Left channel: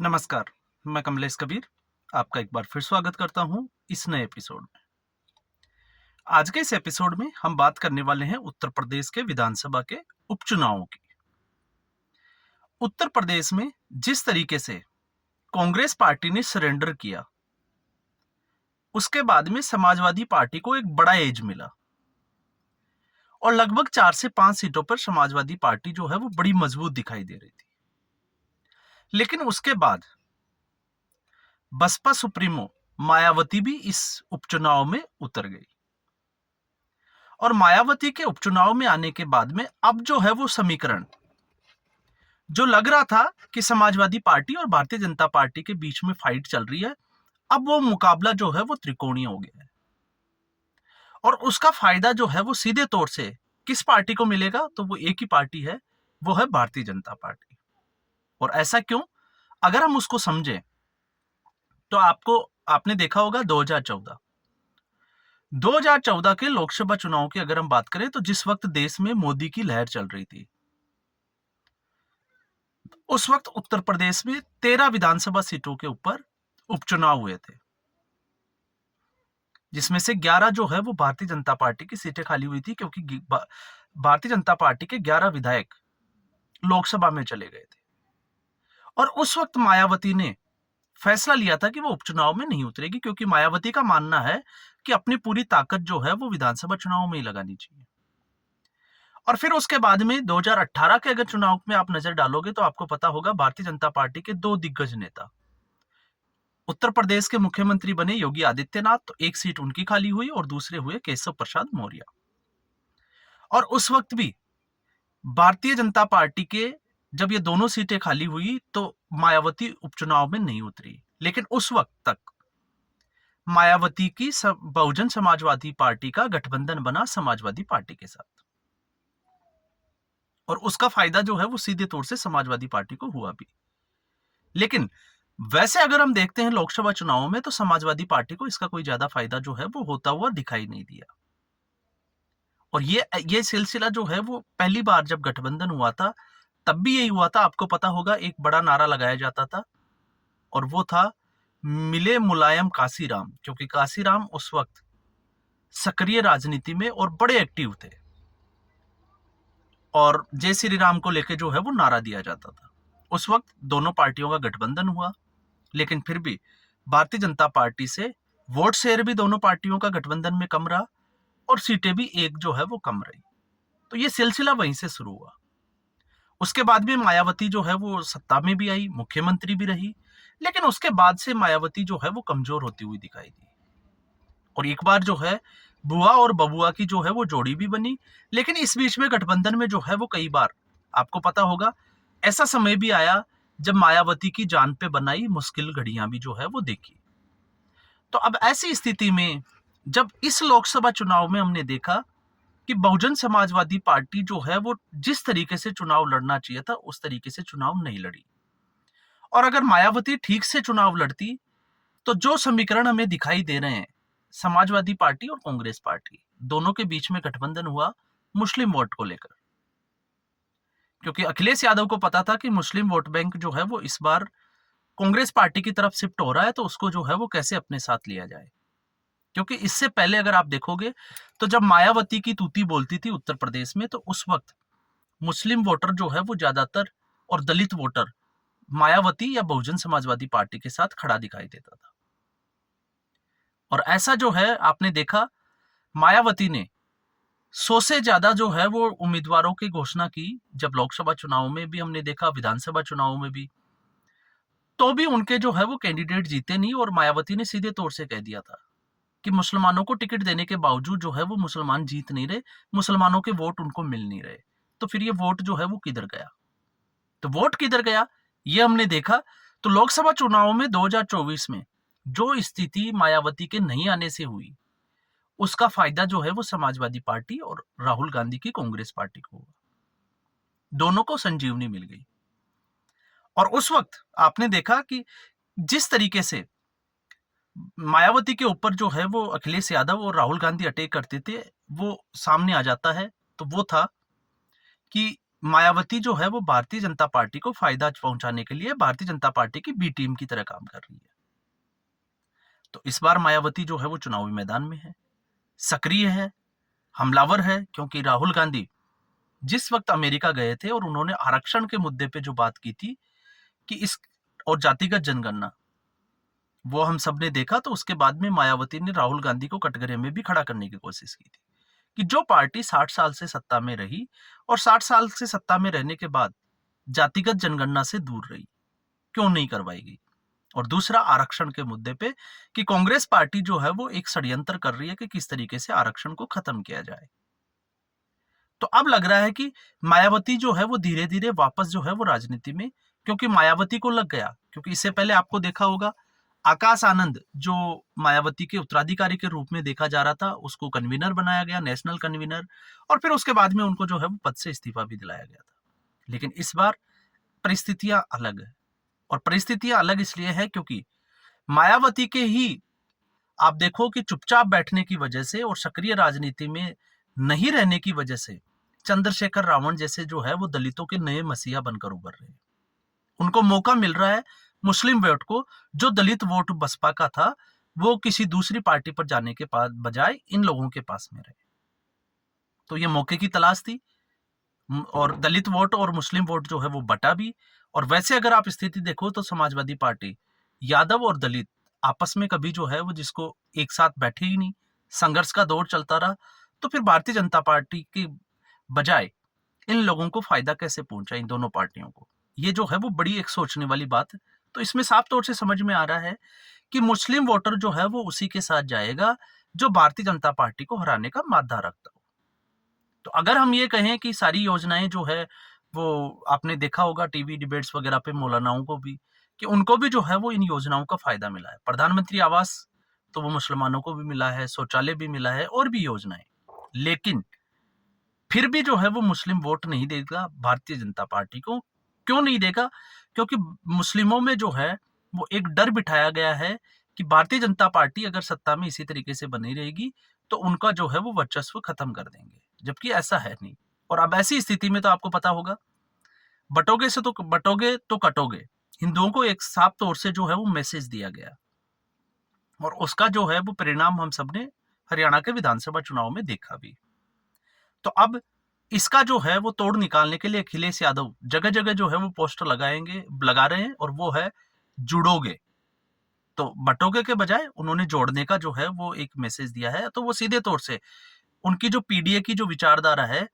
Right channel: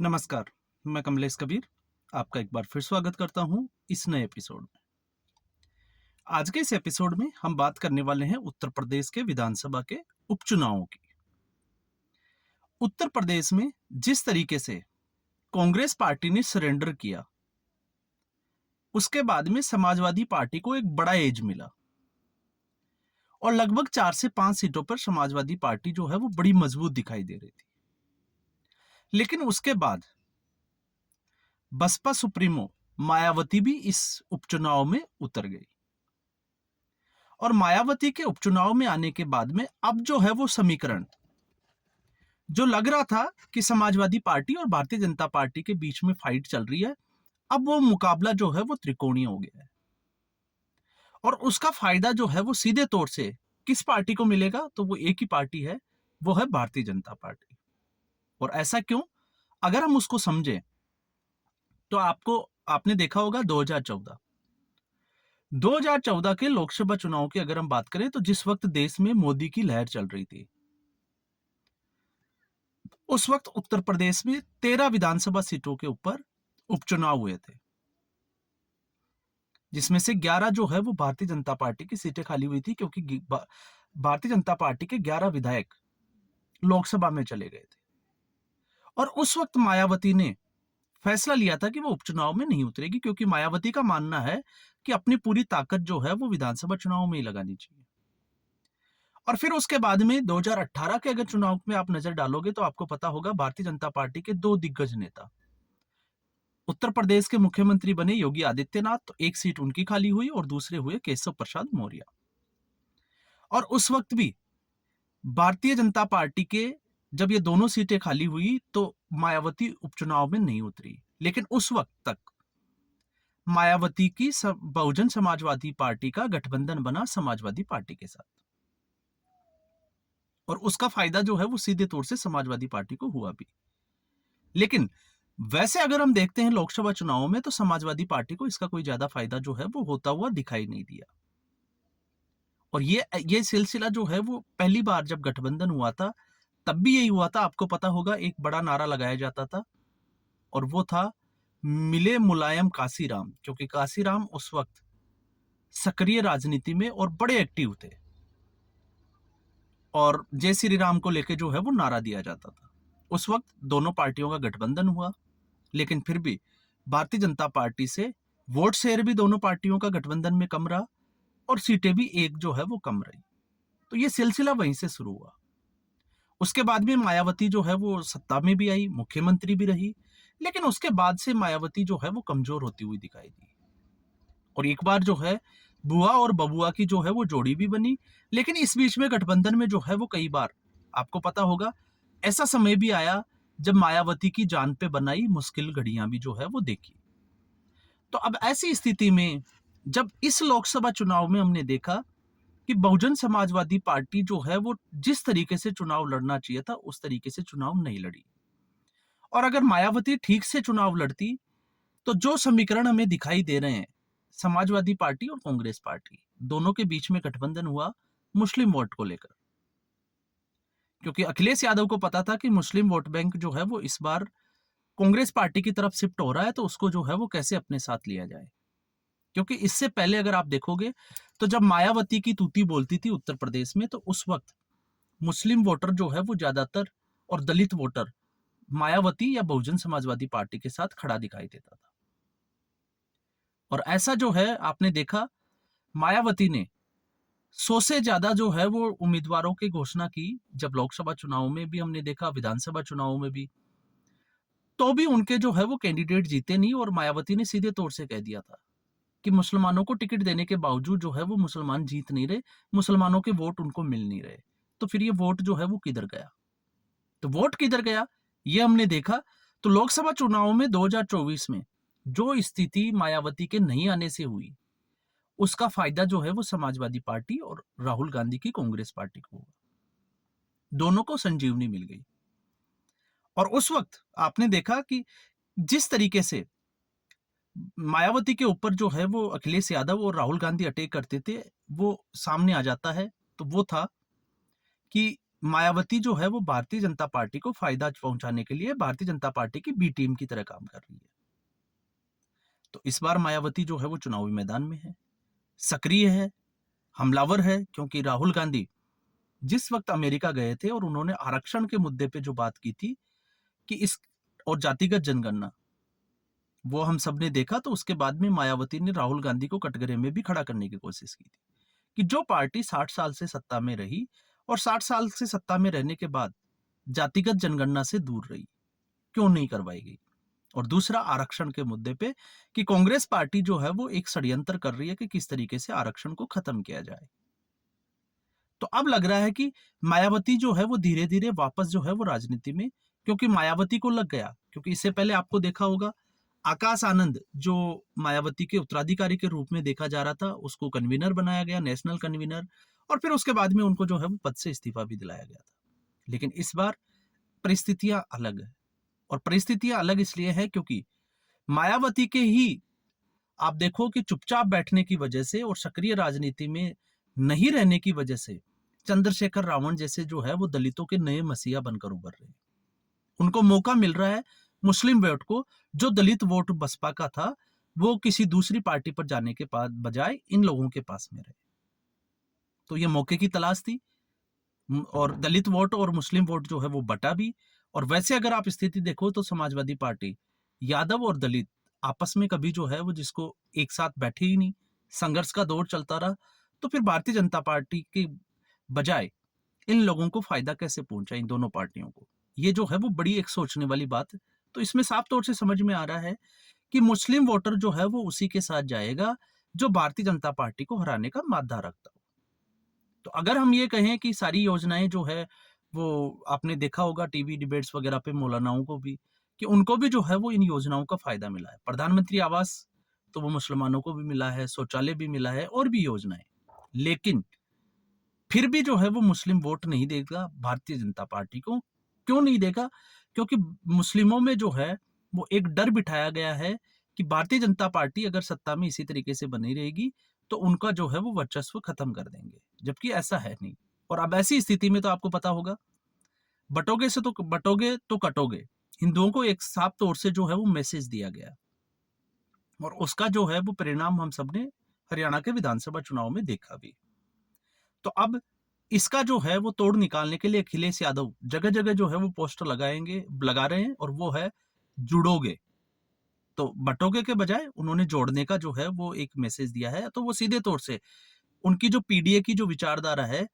नमस्कार, मैं कमलेश कबीर आपका एक बार फिर स्वागत करता हूं इस नए एपिसोड में। आज के इस एपिसोड में हम बात करने वाले हैं उत्तर प्रदेश के विधानसभा के उपचुनावों की। उत्तर प्रदेश में जिस तरीके से कांग्रेस पार्टी ने सरेंडर किया, उसके बाद में समाजवादी पार्टी को एक बड़ा एज मिला और लगभग 4 से 5 सीटों पर समाजवादी पार्टी जो है वो बड़ी मजबूत दिखाई दे रही थी। लेकिन उसके बाद बसपा सुप्रीमो मायावती भी इस उपचुनाव में उतर गई और मायावती के उपचुनाव में आने के बाद में अब जो है वो समीकरण जो लग रहा था कि समाजवादी पार्टी और भारतीय जनता पार्टी के बीच में फाइट चल रही है, अब वो मुकाबला जो है वो त्रिकोणीय हो गया है और उसका फायदा जो है वो सीधे तौर से किस पार्टी को मिलेगा? तो वो एक ही पार्टी है, वो है भारतीय जनता पार्टी। और ऐसा क्यों? अगर हम उसको समझें तो आपने देखा होगा 2014 के लोकसभा चुनाव की अगर हम बात करें तो जिस वक्त देश में मोदी की लहर चल रही थी, उस वक्त उत्तर प्रदेश में 13 विधानसभा सीटों के ऊपर उपचुनाव हुए थे, जिसमें से 11 जो है वो भारतीय जनता पार्टी की सीटें खाली हुई थी क्योंकि भारतीय जनता पार्टी के 11 विधायक लोकसभा में चले गए थे। और उस वक्त मायावती ने फैसला लिया था कि वो उपचुनाव में नहीं उतरेगी क्योंकि मायावती का मानना है कि अपनी पूरी ताकत जो है वो विधानसभा चुनाव में ही लगानी चाहिए। और फिर उसके बाद में 2018 के अगर चुनाव में आप नजर डालोगे तो आपको पता होगा भारतीय जनता पार्टी के दो दिग्गज नेता उत्तर प्रदेश के मुख्यमंत्री बने योगी आदित्यनाथ, तो एक सीट उनकी खाली हुई और दूसरे हुए केशव प्रसाद मौर्य। और उस वक्त भी भारतीय जनता पार्टी के जब ये दोनों सीटें खाली हुई तो मायावती उपचुनाव में नहीं उतरी, लेकिन उस वक्त तक मायावती की बहुजन समाजवादी पार्टी का गठबंधन बना समाजवादी पार्टी के साथ और उसका फायदा जो है वो सीधे तौर से समाजवादी पार्टी को हुआ भी। लेकिन वैसे अगर हम देखते हैं लोकसभा चुनावों में तो समाजवादी पार्टी को इसका कोई ज्यादा फायदा जो है वो होता हुआ दिखाई नहीं दिया। और ये सिलसिला जो है वो पहली बार जब गठबंधन हुआ था तब भी यही हुआ था। आपको पता होगा एक बड़ा नारा लगाया जाता था और वो था मिले मुलायम काशीराम, क्योंकि काशीराम उस वक्त सक्रिय राजनीति में और बड़े एक्टिव थे और जय श्री राम को लेकर जो है वो नारा दिया जाता था। उस वक्त दोनों पार्टियों का गठबंधन हुआ, लेकिन फिर भी भारतीय जनता पार्टी से वोट शेयर भी दोनों पार्टियों का गठबंधन में कम रहा और सीटें भी एक जो है वो कम रही। तो ये सिलसिला वहीं से शुरू हुआ। उसके बाद भी मायावती जो है वो सत्ता में भी आई, मुख्यमंत्री भी रही, लेकिन उसके बाद से मायावती जो है वो कमजोर होती हुई दिखाई दी और एक बार जो है बुआ और बबुआ की जो है वो जोड़ी भी बनी। लेकिन इस बीच में गठबंधन में जो है वो कई बार आपको पता होगा ऐसा समय भी आया जब मायावती की जान पे बनाई मुश्किल घड़ियां भी जो है वो देखी। तो अब ऐसी स्थिति में जब इस लोकसभा चुनाव में हमने देखा कि बहुजन समाजवादी पार्टी जो है वो जिस तरीके से चुनाव लड़ना चाहिए था उस तरीके से चुनाव नहीं लड़ी और अगर मायावती ठीक से चुनाव लड़ती तो जो समीकरण हमें दिखाई दे रहे हैं, समाजवादी पार्टी और कांग्रेस पार्टी दोनों के बीच में गठबंधन हुआ मुस्लिम वोट को लेकर, क्योंकि अखिलेश यादव को पता था कि मुस्लिम वोट बैंक जो है वो इस बार कांग्रेस पार्टी की तरफ शिफ्ट हो रहा है, तो उसको जो है वो कैसे अपने साथ लिया जाए। क्योंकि इससे पहले अगर आप देखोगे तो जब मायावती की तूती बोलती थी उत्तर प्रदेश में तो उस वक्त मुस्लिम वोटर जो है वो ज्यादातर और दलित वोटर मायावती या बहुजन समाजवादी पार्टी के साथ खड़ा दिखाई देता था। और ऐसा जो है आपने देखा मायावती ने 100 से ज्यादा जो है वो उम्मीदवारों की घोषणा की। जब लोकसभा चुनाव में भी हमने देखा, विधानसभा चुनाव में भी, तो भी उनके जो है वो कैंडिडेट जीते नहीं और मायावती ने सीधे तौर से कह दिया था कि मुसलमानों को टिकट देने के बावजूद जो है वो मुसलमान जीत नहीं रहे, मुसलमानों के वोट उनको मिल नहीं रहे। तो फिर ये वोट जो है वो किधर गया? तो वोट किधर गया ये हमने देखा। तो लोकसभा चुनाव में 2024 में जो स्थिति मायावती के नहीं आने से हुई उसका फायदा जो है वो समाजवादी पार्टी और राहुल गांधी की कांग्रेस पार्टी को हुआ। दोनों को संजीवनी मिल गई और उस वक्त आपने देखा कि जिस तरीके से मायावती के ऊपर जो है वो अखिलेश यादव और राहुल गांधी अटैक करते थे वो सामने आ जाता है। तो वो था कि मायावती जो है वो भारतीय जनता पार्टी को फायदा पहुंचाने के लिए भारतीय जनता पार्टी की बी टीम की तरह काम कर रही है। तो इस बार मायावती जो है वो चुनावी मैदान में है, सक्रिय है, हमलावर है, क्योंकि राहुल गांधी जिस वक्त अमेरिका गए थे और उन्होंने आरक्षण के मुद्दे पे जो बात की थी कि इस और जातिगत जनगणना, वो हम सब ने देखा। तो उसके बाद में मायावती ने राहुल गांधी को कटघरे में भी खड़ा करने की कोशिश की थी कि जो पार्टी 60 साल से सत्ता में रही और 60 साल से सत्ता में रहने के बाद जातिगत जनगणना से दूर रही, क्यों नहीं करवाई गई। और दूसरा आरक्षण के मुद्दे पे कि कांग्रेस पार्टी जो है वो एक षड्यंत्र कर रही है कि किस तरीके से आरक्षण को खत्म किया जाए। तो अब लग रहा है कि मायावती जो है वो धीरे धीरे वापस जो है वो राजनीति में, क्योंकि मायावती को लग गया, क्योंकि इससे पहले आपको देखा होगा आकाश आनंद जो मायावती के उत्तराधिकारी के रूप में देखा जा रहा था, उसको कन्वीनर बनाया गया, नेशनल कन्वीनर, और फिर उसके बाद में उनको जो है वो पद से इस्तीफा भी दिलाया गया था। लेकिन इस बार परिस्थितियां अलग है, और परिस्थितियां अलग इसलिए है क्योंकि मायावती के ही आप देखो कि चुपचाप बैठने की वजह से और सक्रिय राजनीति में नहीं रहने की वजह से चंद्रशेखर रावण जैसे जो है वो दलितों के नए मसीहा बनकर उभर रहे हैं। उनको मौका मिल रहा है मुस्लिम वोट को, जो दलित वोट बसपा का था वो किसी दूसरी पार्टी पर जाने के बजाय इन लोगों के पास में रहे। तो ये मौके की तलाश थी, और दलित वोट और मुस्लिम वोट जो है वो बटा भी। और वैसे अगर आप स्थिति देखो तो समाजवादी पार्टी, यादव और दलित आपस में कभी जो है वो जिसको एक साथ बैठे ही नहीं, संघर्ष का दौर चलता रहा। तो फिर भारतीय जनता पार्टी के बजाय इन लोगों को फायदा कैसे पहुंचा, इन दोनों पार्टियों को, ये जो है वो बड़ी एक सोचने वाली बात है। तो इसमें साफ तौर से समझ में आ रहा है कि मुस्लिम वोटर जो है वो उसी के साथ जाएगा जो भारतीय जनता पार्टी को हराने का मादा रखता हो। तो अगर हम ये कहें कि सारी योजनाएं जो है वो आपने देखा होगा टीवी डिबेट्स वगैरह पे मौलानाओं को भी, कि उनको भी जो है वो इन योजनाओं का फायदा मिला है। प्रधानमंत्री आवास तो वो मुसलमानों को भी मिला है, शौचालय भी मिला है और भी योजनाएं। लेकिन फिर भी जो है वो मुस्लिम वोट नहीं देगा भारतीय जनता पार्टी को। क्यों नहीं देगा? क्योंकि मुस्लिमों में जो है वो एक डर बिठाया गया है कि भारतीय जनता पार्टी अगर सत्ता में इसी तरीके से बनी रहेगी तो उनका जो है वो वर्चस्व खत्म कर देंगे, जबकि ऐसा है नहीं। और अब ऐसी स्थिति में तो आपको पता होगा, बटोगे तो कटोगे, हिंदुओं को एक साफ तौर से जो है वो मैसेज दिया गया, और उसका जो है वो परिणाम हम सबने हरियाणा के विधानसभा चुनाव में देखा भी। तो अब इसका जो है वो तोड़ निकालने के लिए अखिलेश यादव जगह जगह जो है वो पोस्टर लगा रहे हैं, और वो है जुड़ोगे। तो बटोगे के बजाय उन्होंने जोड़ने का जो है वो एक मैसेज दिया है। तो वो सीधे तौर से उनकी जो पीडीए की जो विचारधारा है,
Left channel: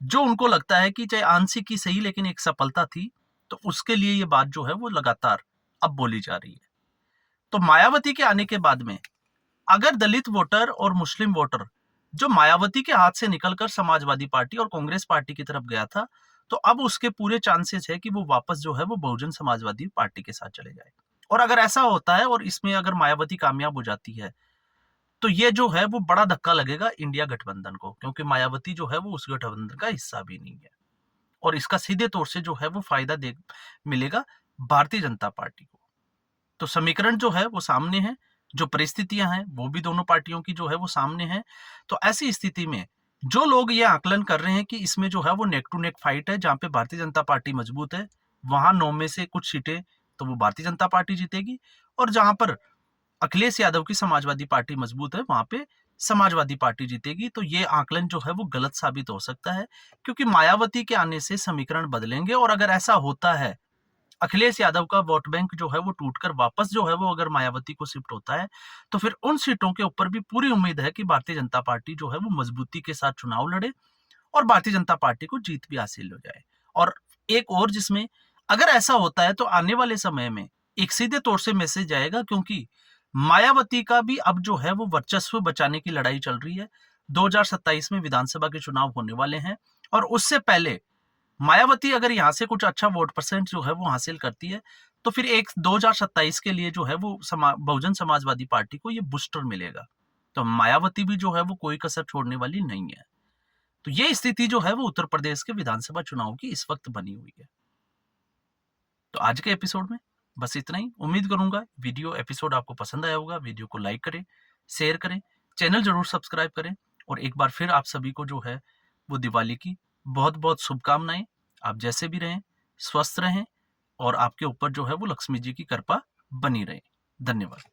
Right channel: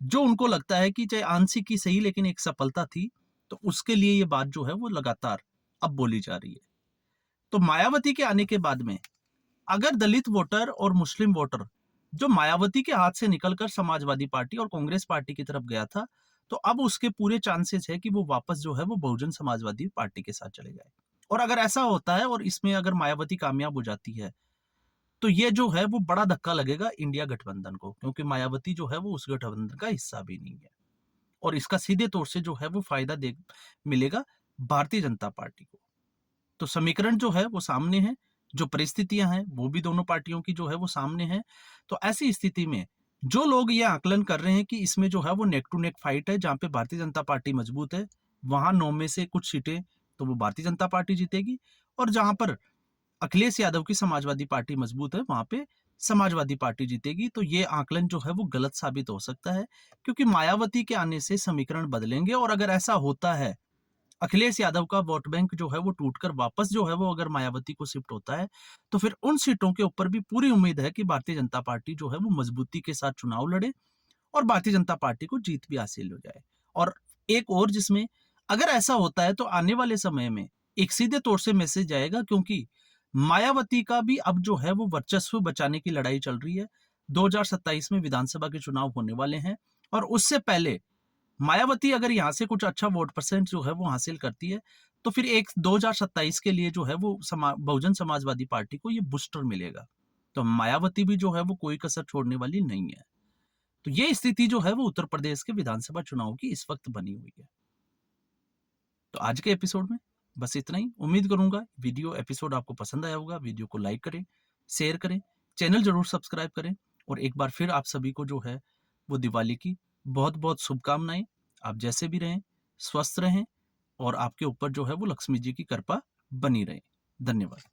जो उनको लगता है कि चाहे आंशिक ही सही लेकिन एक सफलता थी, तो उसके लिए ये बात जो है वो लगातार अब बोली जा रही है। तो मायावती के आने के बाद में अगर दलित वोटर और मुस्लिम वोटर जो मायावती के हाथ से निकलकर समाजवादी पार्टी और कांग्रेस पार्टी की तरफ गया था, तो अब उसके पूरे चांसेस है कि वो वापस जो है वो बहुजन समाजवादी पार्टी के साथ चले जाए। और अगर ऐसा होता है और इसमें अगर मायावती कामयाब हो जाती है, तो ये जो है वो बड़ा धक्का लगेगा इंडिया गठबंधन को, क्योंकि मायावती जो है वो उस गठबंधन का हिस्सा भी नहीं है। और इसका सीधे तौर से जो है वो फायदा दे मिलेगा भारतीय जनता पार्टी को। तो समीकरण जो है वो सामने है, जो परिस्थितियां हैं वो भी दोनों पार्टियों की जो है वो सामने है। तो ऐसी स्थिति में जो लोग ये आकलन कर रहे हैं कि इसमें जो है वो नेक टू नेक फाइट है, जहां पे भारतीय जनता पार्टी मजबूत है, वहां 9 में से कुछ सीटें तो वो भारतीय जनता पार्टी जीतेगी, और जहां पर अखिलेश यादव की समाजवादी पार्टी मजबूत है वहां पे समाजवादी पार्टी जीतेगी। तो ये आकलन जो है वो गलत साबित हो सकता है, क्योंकि मायावती के आने से समीकरण बदलेंगे। और अगर ऐसा होता है, अखिलेश यादव का वोट बैंक जो है वो टूटकर वापस जो है वो अगर मायावती को शिफ्ट होता है, तो फिर उन सीटों के ऊपर भी पूरी उम्मीद है कि भारतीय जनता पार्टी जो है वो मजबूती के साथ चुनाव लड़े और भारतीय जनता पार्टी को जीत भी हासिल हो जाए। और एक और जिसमें अगर ऐसा होता है तो आने वाले समय में एक सीधे तौर से मैसेज जाएगा, क्योंकि मायावती का भी अब जो है वो वर्चस्व बचाने की लड़ाई चल रही है। 2027 में विधानसभा के चुनाव होने वाले हैं, और उससे पहले मायावती अगर यहाँ से कुछ अच्छा वोट परसेंट जो है वो हासिल करती है, तो फिर एक 2027 के लिए जो है वो बहुजन समाजवादी पार्टी को ये बूस्टर मिलेगा। तो मायावती भी जो है वो कोई कसर छोड़ने वाली नहीं है। तो ये स्थिति जो है वो उत्तर प्रदेश के विधानसभा चुनाव की इस वक्त बनी हुई है। तो आज के एपिसोड में बस इतना ही। उम्मीद करूंगा वीडियो एपिसोड आपको पसंद आया होगा। वीडियो को लाइक करें, शेयर करें, चैनल जरूर सब्सक्राइब करें, और एक बार फिर आप सभी को जो है वो दिवाली की बहुत बहुत शुभकामनाएं। आप जैसे भी रहें, स्वस्थ रहें और आपके ऊपर जो है वो लक्ष्मी जी की कृपा बनी रहे। धन्यवाद।